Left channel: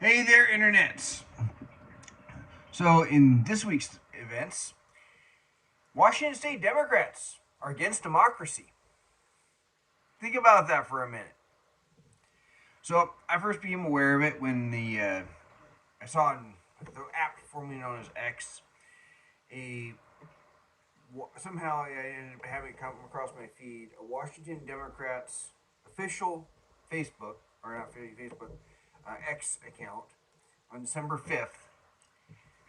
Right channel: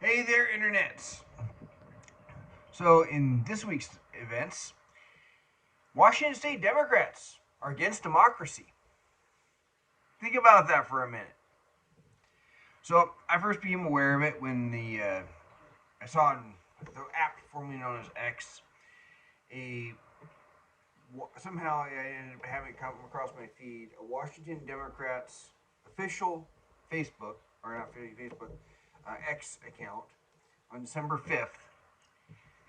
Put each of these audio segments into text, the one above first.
Hey there, internets. So, in this week's events, Washington State Democrats are against democracy. Think about that for a minute. So, I first became aware of it when I saw on the app formerly known as X a somehow I ended up having come across my feed a Washington Democrats official Facebook or not Facebook X account on December 5th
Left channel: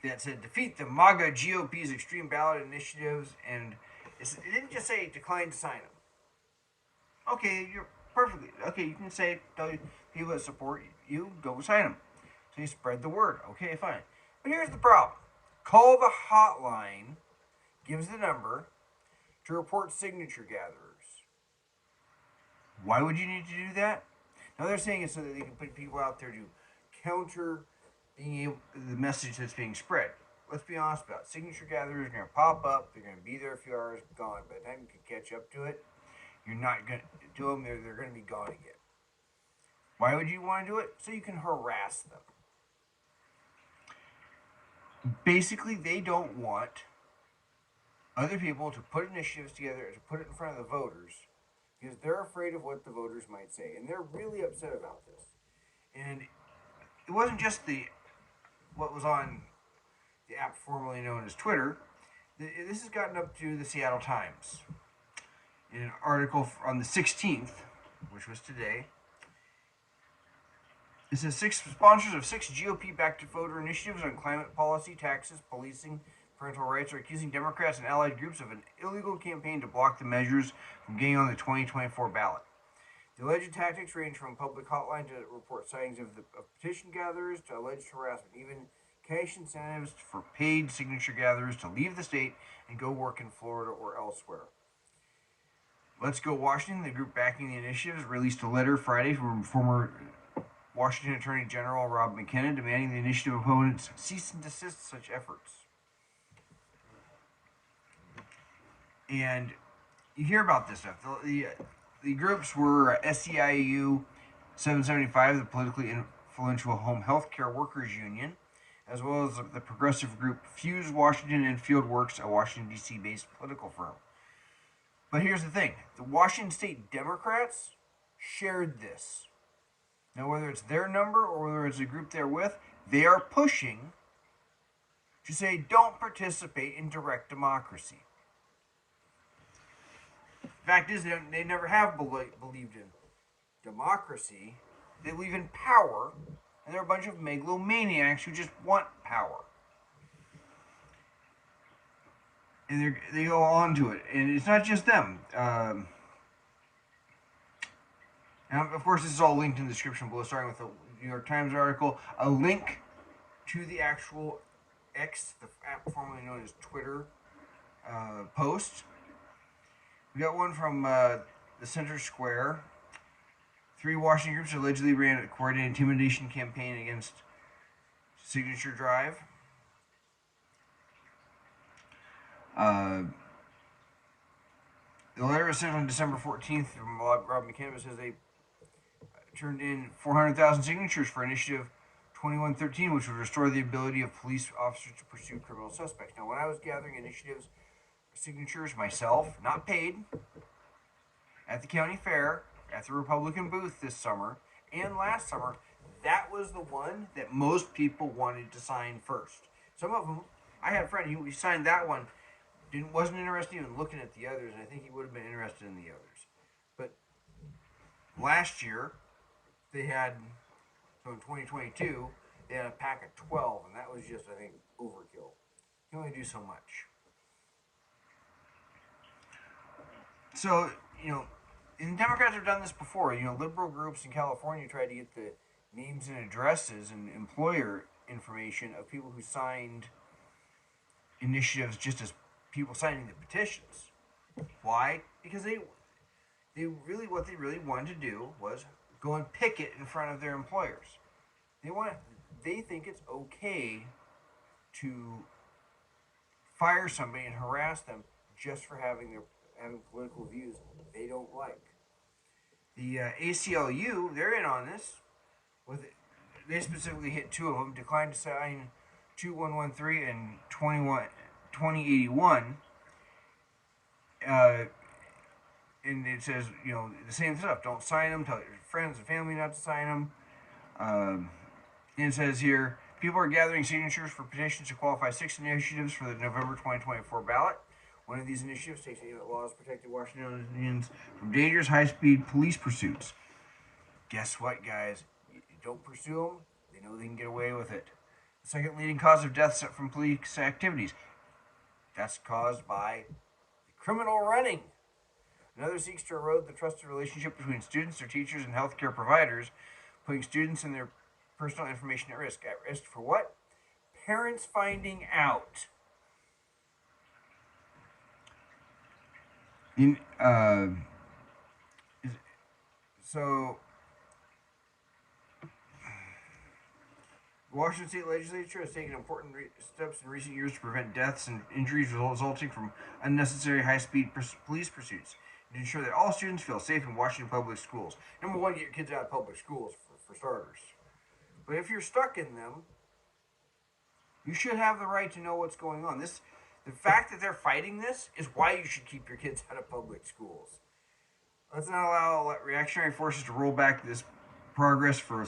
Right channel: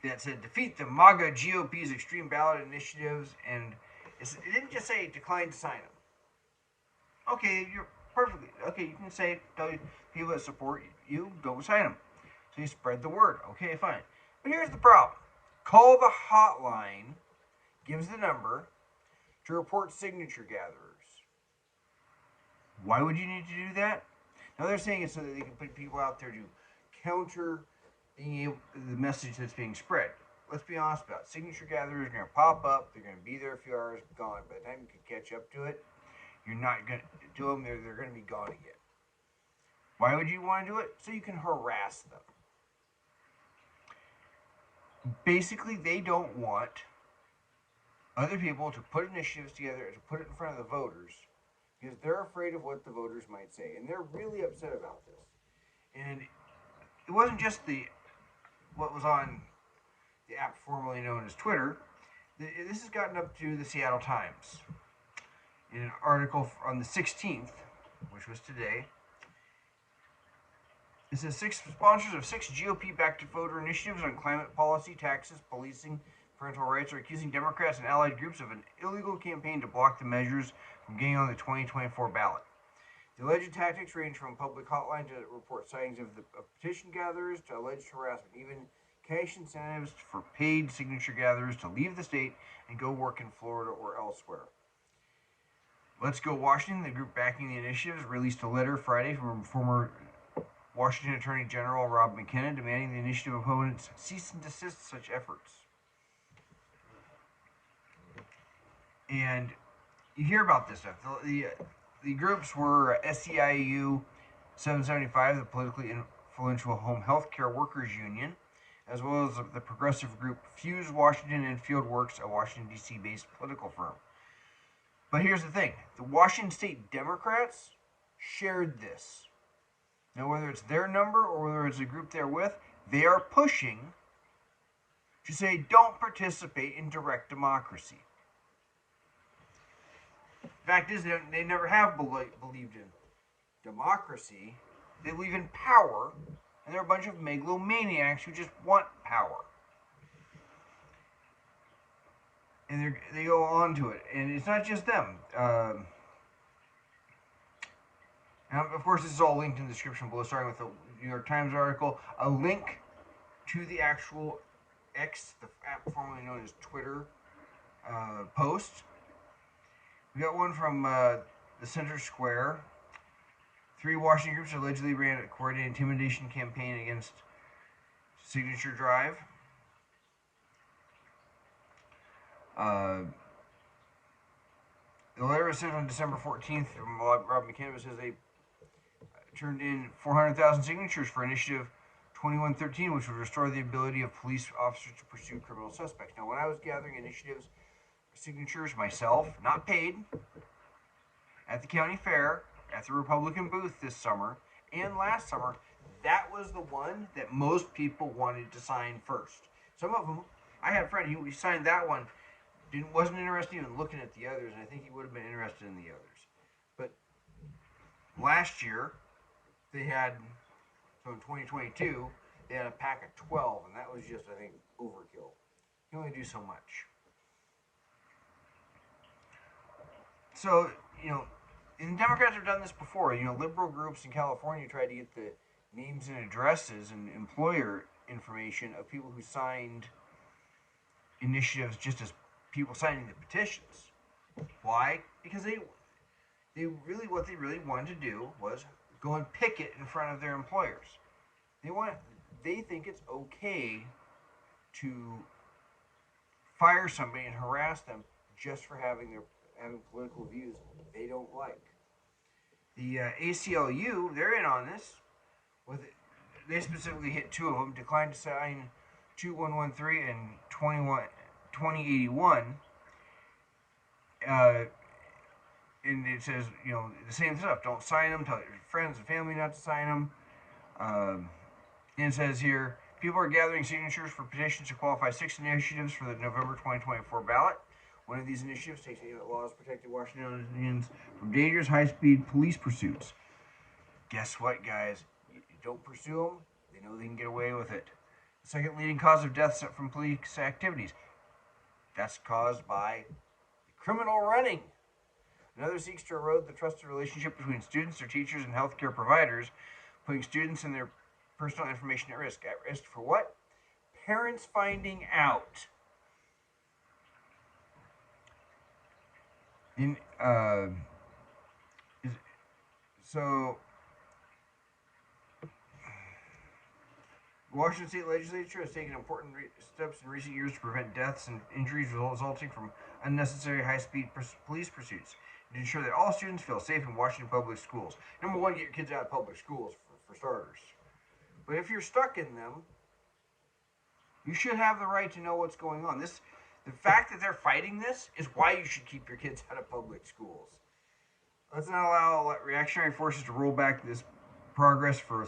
that said defeat the MAGA GOP's extreme ballot initiatives, and it didn't just say decline to sign them. Okay, you're perfectly okay. You can say to people that support you, don't sign them. So you spread the word. Okay, fine. But here's the problem: call the hotline. Gives the number to report signature gatherers. Why would you need to do that? Now they're saying it so that they can put people out there to counter being able the message that's being spread. Let's be honest about it. Signature gatherers are going to pop up. They're going to be there a few hours, gone. By the time you can catch up to it, you're not going to do them. They're going to be gone again. Why would you want to do it? So you can harass them. Basically, they don't want other people to put initiatives together and to put it in front of the voters because they're afraid of what the voters might say, and they're really upset about this. And it wasn't just the what was on the app formerly known as Twitter. This has gotten up to the Seattle Times in an article on the 16th, which was today. It says six sponsors of six GOP-backed voter initiatives on climate policy, taxes, policing, parental rights are accusing Democrats and allied groups of an illegal campaign to block the measures from getting on the 2024 ballot. The alleged tactics range from public hotline to report sightings of petition gatherers to alleged harassment, even cash incentives for paid signature gatherers to leave the state and go work in Florida or elsewhere. Let's Go Washington, the group backing the initiatives, released a letter Friday from former Washington Attorney General Rob McKenna demanding the initiative opponents cease and desist such efforts. And you hear about this stuff. The groups were SEIU 775, the politically influential Home Health Care Workers Union, as well as the progressive group Fuse Washington and Fieldworks, a Washington, D.C. based political firm. But here's the thing the Washington State Democrats shared this. Now, whether it's their number or whether it's a group they're with, they are pushing to say don't participate in direct democracy. Fact is, they never have believed in democracy. They believe in power, and they're a bunch of megalomaniacs who just want power. And they go on to it. And it's not just them. Now, of course, this is all linked in the description below, starting with the New York Times article, a link to the actual X, the app formerly known as Twitter, post. We got one from the Center Square. 3 Washington groups allegedly ran a coordinated intimidation campaign against Signature Drive. The letter was sent on December 14th from Rob McKenna. Says they turned in 400,000 signatures for Initiative 2113, which would restore the ability of police officers to pursue criminal suspects. Now, when I was gathering initiatives signatures myself, not paid, at the county fair, at the Republican booth this summer, and last summer, that was the one that most people wanted to sign first. Some of them, I had a friend, he signed that one, wasn't interested in looking at the others, and I think he would have been interested in the others. But last year, they had, so in 2022, they had a pack of 12, and that was just, I think, overkill. You can only do so much. So, and Democrats have done this before. Liberal groups in California tried to get the names and addresses and employer information of people who signed initiatives just as people signing the petitions. Why? Because what they really wanted to do was go and picket in front of their employers. They think it's okay to fire somebody and harass them just for having political views they don't like. The ACLU, they're in on this. they specifically hit two of them, declined to sign 2113 and 2081. Uh, and it says, the same stuff. Don't sign them. Tell your friends and family not to sign them. And it says here, people are gathering signatures for petitions to qualify 6 initiatives for the November 2024 ballot. One of these initiatives takes aim at laws protecting Washingtonians from dangerous high-speed police pursuits. Guess what, guys? You don't pursue them, they know they can get away with it. The second leading cause of deaths from police activities. That's caused by criminal running. Another seeks to erode the trusted relationship between students, their teachers, and healthcare providers, putting students and their personal information at risk. At risk for what? Parents finding out. So, the Washington State Legislature has taken important steps in recent years to prevent deaths and injuries resulting from unnecessary high-speed police pursuits, and to ensure that all students feel safe in Washington public schools. Number one, get your kids out of public schools, for starters. But if you're stuck in them, you should have the right to know what's going on. The fact that they're fighting this is why you should keep your kids out of public schools. Let's not allow reactionary forces to roll back this progress for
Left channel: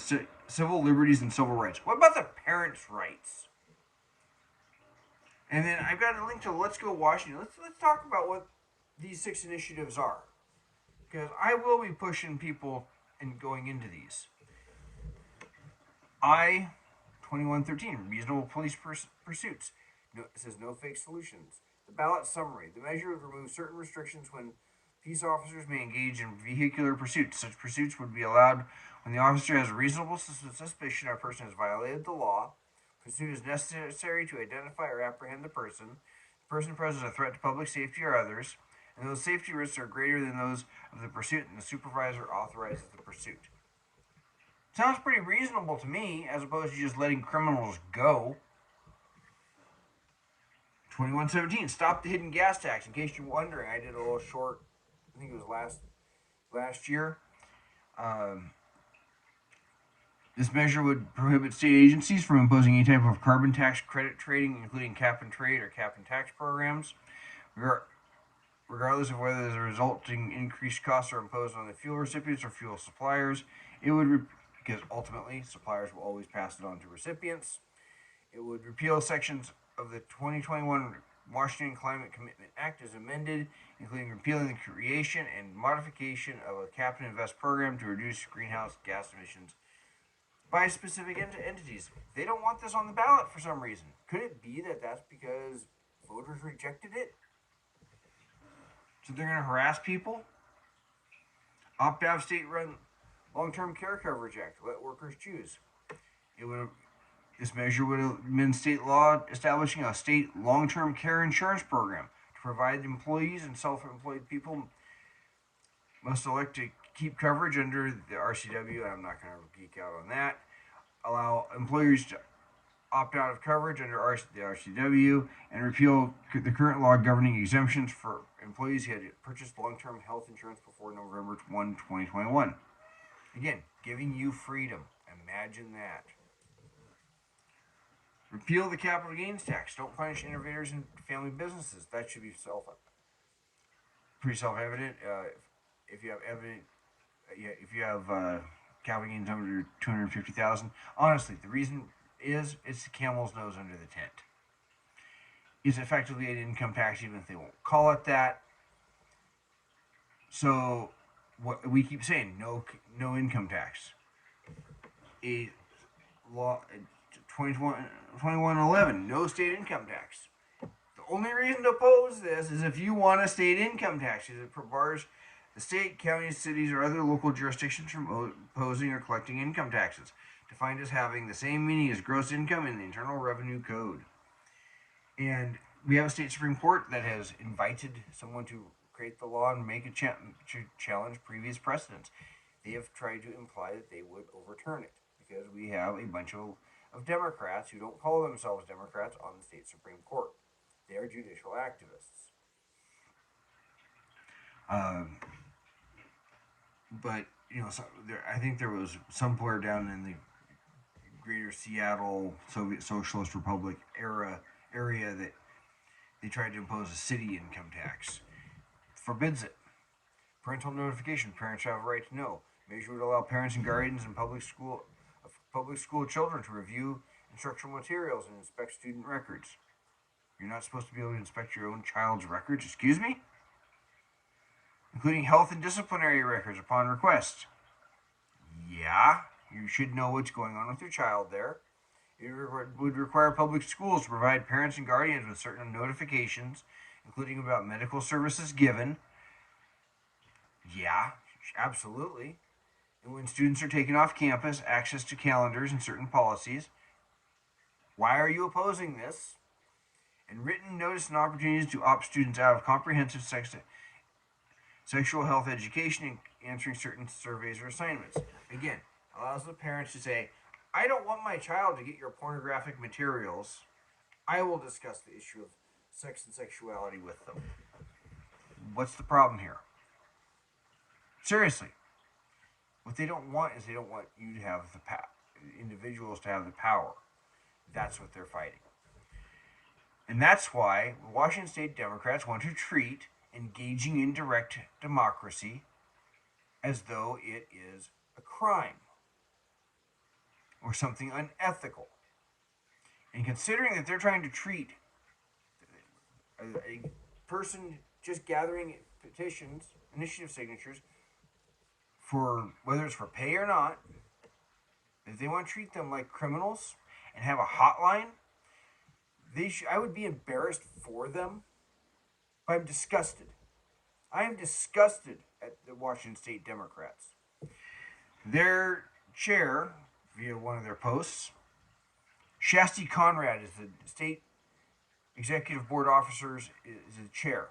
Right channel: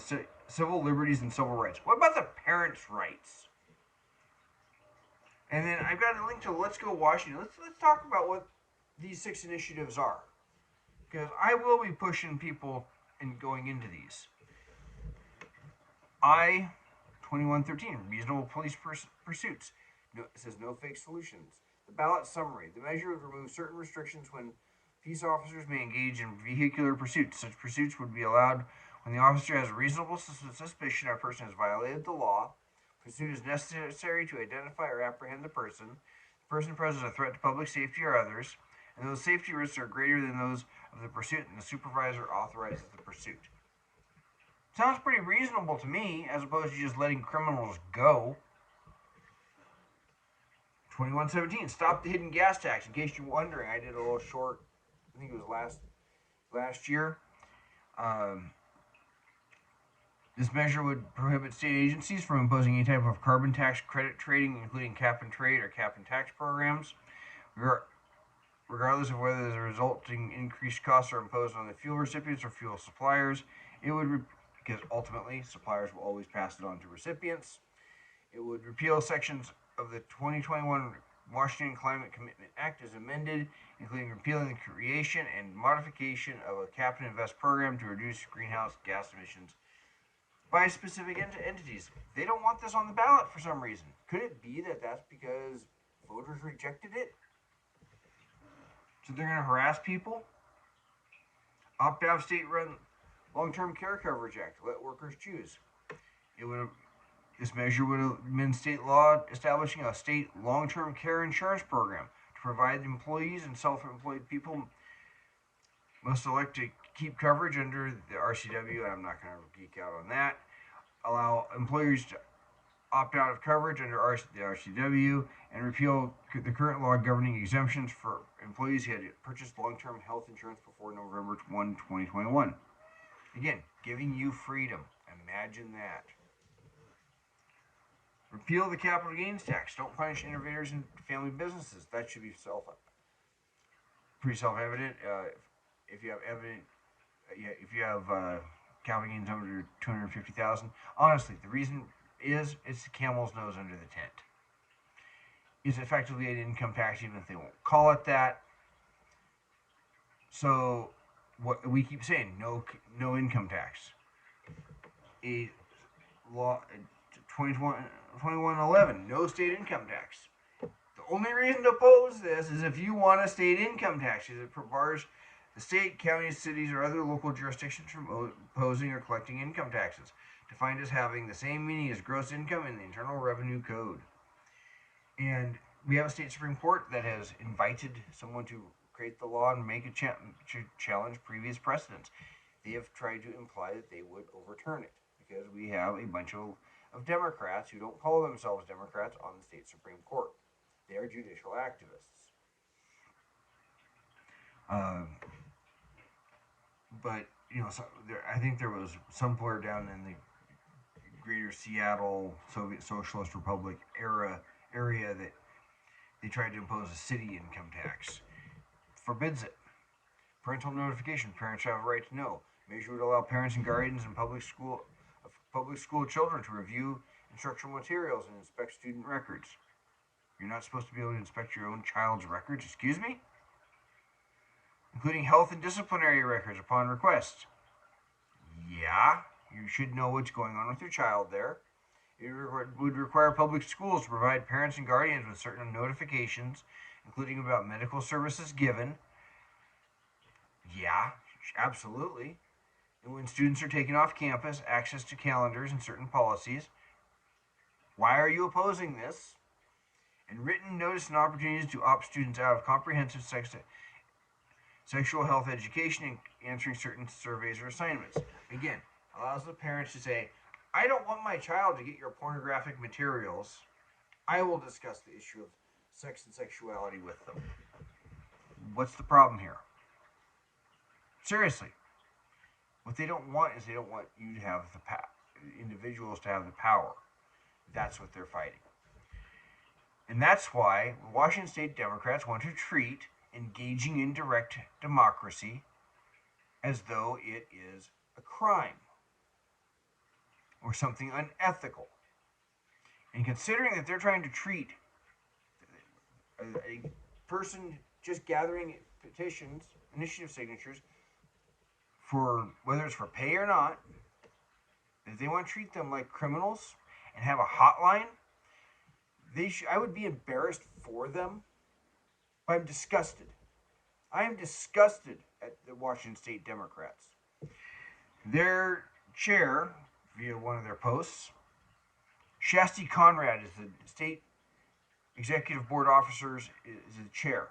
civil liberties and civil rights. What about the parents' rights? And then I've got a link to Let's Go Washington. Let's talk about what these 6 initiatives are, because I will be pushing people and going into these. 2113, reasonable police pursuits. It says no fake solutions. The ballot summary. The measure would remove certain restrictions when peace officers may engage in vehicular pursuits. Such pursuits would be allowed when the officer has a reasonable suspicion a person has violated the law. Pursuit is necessary to identify or apprehend the person. The person poses a threat to public safety or others, and those safety risks are greater than those of the pursuit, and the supervisor authorizes the pursuit. Sounds pretty reasonable to me, as opposed to just letting criminals go. 2117, stop the hidden gas tax. In case you're wondering, I did a little short, I think it was last year. This measure would prohibit state agencies from imposing any type of carbon tax credit trading, including cap and trade or cap and tax programs, regardless of whether the resulting increased costs are imposed on the fuel recipients or fuel suppliers. It would, because ultimately suppliers will always pass it on to recipients. It would repeal sections of the 2021 Washington Climate Commitment Act as amended, including repealing the creation and modification of a cap and invest program to reduce greenhouse gas emissions by specific entities. They don't want this on the ballot for some reason. Could it be that that's because voters rejected it? So they're going to harass people? Opt out of state-run Long-Term Care Coverage Act. Let workers choose. This measure would amend state law establishing a state long-term care insurance program to provide employees and self-employed people must elect to keep coverage under the RCW, and I'm not going to geek out on that. Allow employers to opt out of coverage under the RCW, and repeal the current law governing exemptions for employees who had purchased long-term health insurance before November 1, 2021. Again, giving you freedom. Imagine that. Repeal the capital gains tax. Don't punish innovators in family businesses. That should be pretty self-evident. If you have capital gains under $250,000, honestly, the reason is it's the camel's nose under the tent. It's effectively an income tax, even if they won't call it that. So what we keep saying, no income tax. A law 2111, no state income tax. The only reason to oppose this is if you want a state income tax, because it bars the state, counties, cities, or other local jurisdictions from imposing or collecting income taxes, defined as having the same meaning as gross income in the Internal Revenue Code. And we have a state Supreme Court that has invited someone to create the law and make to challenge previous precedents. They have tried to imply that they would overturn it, because we have a bunch of Democrats who don't call themselves Democrats on the state Supreme Court. They are judicial activists. But I think there was somewhere down in the greater Seattle Soviet Socialist Republic area that they tried to impose a city income tax. Forbids it. Parental notification. Parents have a right to know. Measure would allow parents and guardians in public school children to review instructional materials and inspect student records. You're not supposed to be able to inspect your own child's records, excuse me? Including health and disciplinary records upon request. Yeah, you should know what's going on with your child there. It would require public schools to provide parents and guardians with certain notifications, including about medical services given. Yeah, absolutely. And when students are taken off campus, access to calendars and certain policies. Why are you opposing this? And written notice and opportunities to opt students out of comprehensive sexual health education and answering certain surveys or assignments. Again, allows the parents to say, I don't want my child to get your pornographic materials. I will discuss the issue of sex and sexuality with them. What's the problem here? Seriously. What they don't want is they don't want you to have the power, individuals to have the power. That's what they're fighting. And that's why Washington State Democrats want to treat engaging in direct democracy as though it is a crime or something unethical. And considering that they're trying to treat a person just gathering petitions, initiative signatures, for whether it's for pay or not, if they want to treat them like criminals and have a hotline, I would be embarrassed for them. I'm disgusted. I am disgusted at the Washington State Democrats. Their chair, via one of their posts, Shasti Conrad is the state executive board officers, is the chair.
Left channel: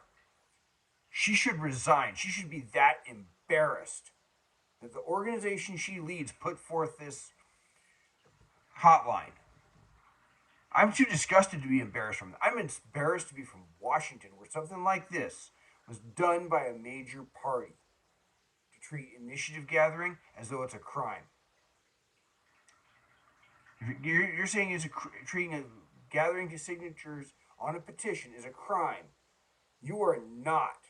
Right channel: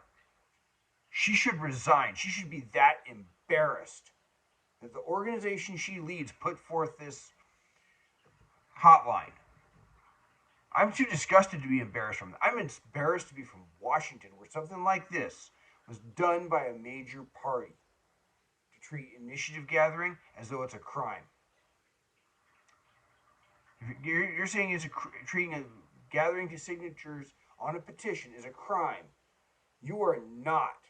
She should resign. She should be that embarrassed that the organization she leads put forth this hotline. I'm too disgusted to be embarrassed from that. I'm embarrassed to be from Washington, where something like this was done by a major party to treat initiative gathering as though it's a crime. You're saying treating a gathering to signatures on a petition is a crime. You are not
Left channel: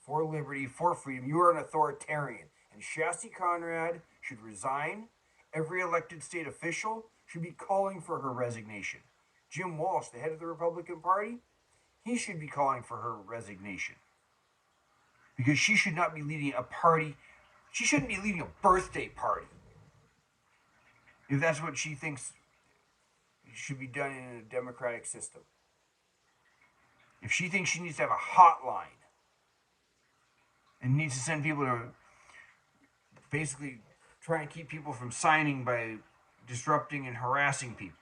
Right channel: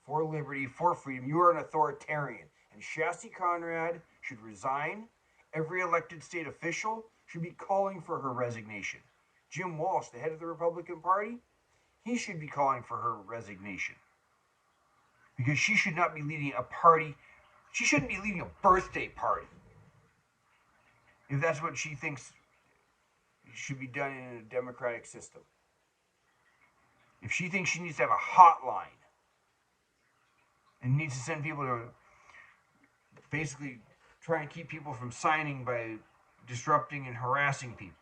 for liberty, for freedom. You are an authoritarian. And Shasti Conrad should resign. Every elected state official should be calling for her resignation. Jim Walsh, the head of the Republican Party, he should be calling for her resignation. Because she should not be leading a party. She shouldn't be leading a birthday party. If that's what she thinks should be done in a democratic system. If she thinks she needs to have a hotline and needs to send people to basically try and keep people from signing by disrupting and harassing people.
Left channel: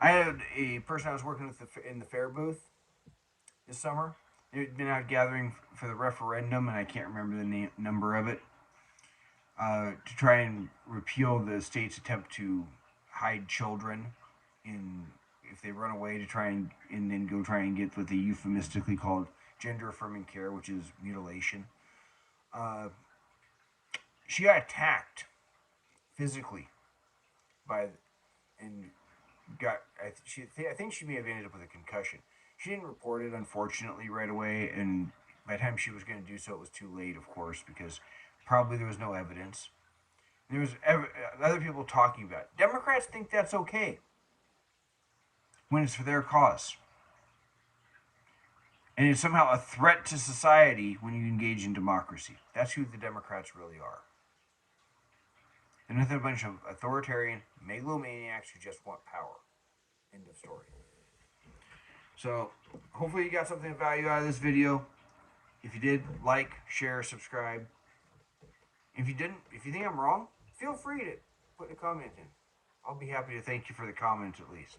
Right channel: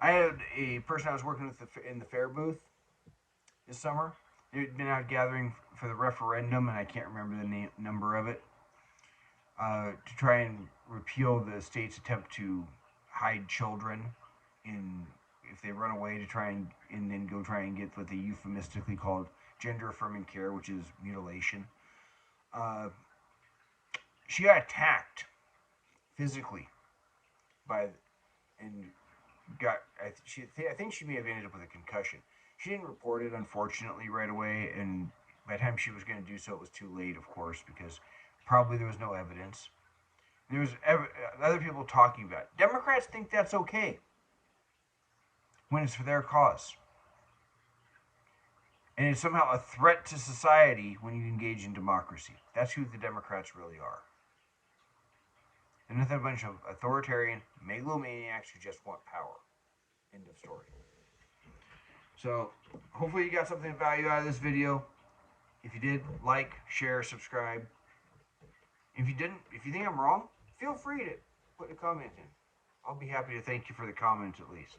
I had a person I was working with in the fair booth this summer. They'd been out gathering for the referendum, and I can't remember the number of it, to try and repeal the state's attempt to hide children if they run away to try and then go try and get what they euphemistically called gender affirming care, which is mutilation. She got attacked physically I think she may have ended up with a concussion. She didn't report it, unfortunately, right away, and by the time she was going to do so, it was too late, of course, because probably there was no evidence. There was other people talking about it. Democrats think that's okay when it's for their cause. And it's somehow a threat to society when you engage in democracy. That's who the Democrats really are. They're nothing a bunch of authoritarian megalomaniacs who just want power. End of story. So, hopefully you got something of value out of this video. If you did, like, share, subscribe. If you didn't, if you think I'm wrong, feel free to put a comment in. I'll be happy to thank you for the comment at least.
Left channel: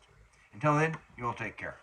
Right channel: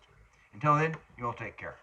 Until then, you all take care.